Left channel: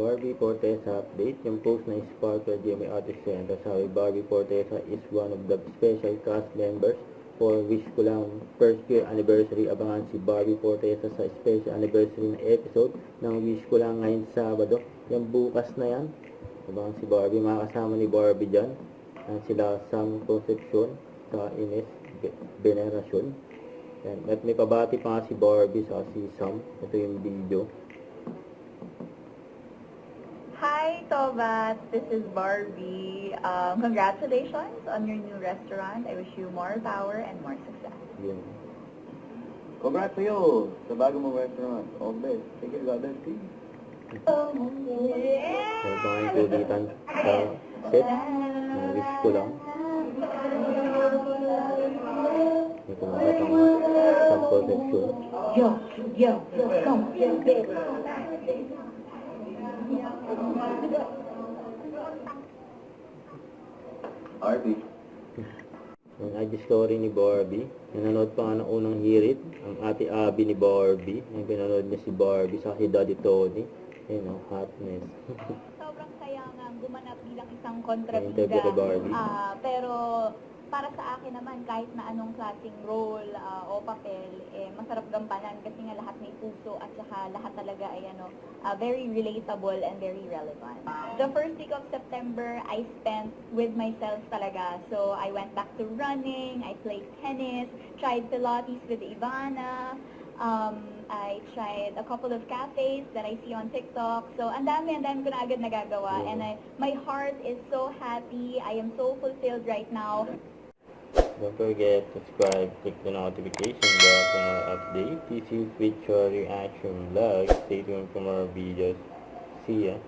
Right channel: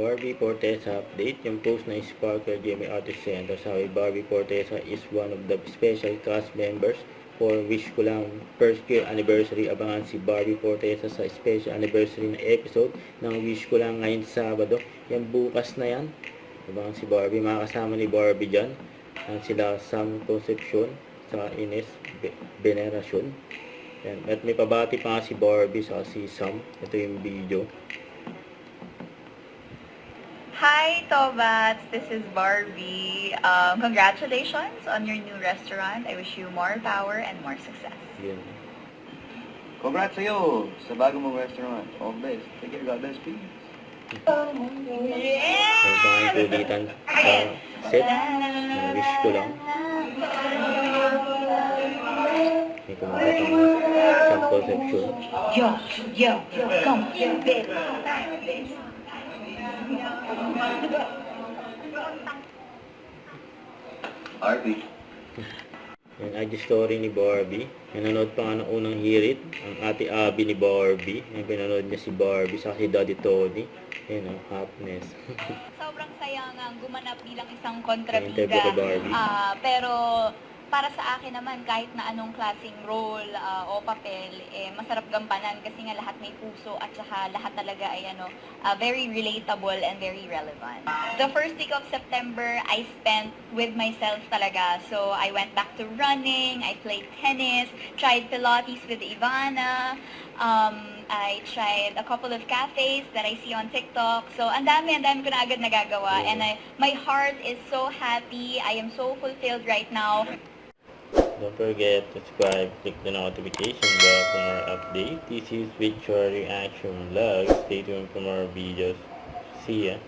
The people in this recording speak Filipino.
Barbie Fortesa update. Yung post na Sparkle Jamie Artist Center. Sabi, Barbie Fortesa is one of the special cast members for Wish Ko Lang first year anniversary. Abangan si Barbie Fortesa sa special anniversary na episode ng Wish Ko Lang ngayon Sabado. Yan bukas na yan. Abangan si Barbie. Makakasama ni Barbie dyan. Yan sila Sam Concepcion sa Ines Veneracion. Yan. At may pabati pa nga si Barbie sa si Sam. Ito yung video. Hi, Tobats! This is Barbie. Congratulations on your new restaurant. I wish you more power and more success. Yan. Congrats sa'yo sa bago mong restaurant. All the best. Take care, God bless, please. May pang kulitan sa set. Wish ko lang. May kumanta pang Sam Concepcion. Yo, come here, baby. Harvey. Yung IG story ni Barbie. Pinanood pa nga ng unang hirit. Ang ate Abby ni Barbie. Yung pinanood niya si Barbie sa si Daddy Tony. Yun ang happiness. Sobrang saya nga gumanap bilang isang Interview kontrabida. ko Barbie. Pero para sa akin naman, kahit na anong klaseng role o papel, masarap gampanan kasi nga lahat may puso at saka lahat talaga ay very relatable and very relevant. The first week of September, I spent with myself talaga. So I went back to running, I played tennis, tried Pilates with Ivana, I tried a couple of cafes that I see on TikTok. So, ang dami ko na agad nagagawa. And my heart is so happy. I am so fulfilled right now. Don't forget to subscribe, click the notification bell for more updates. This is Victory Reaction Vlog. Stay tuned for more videos. See ya.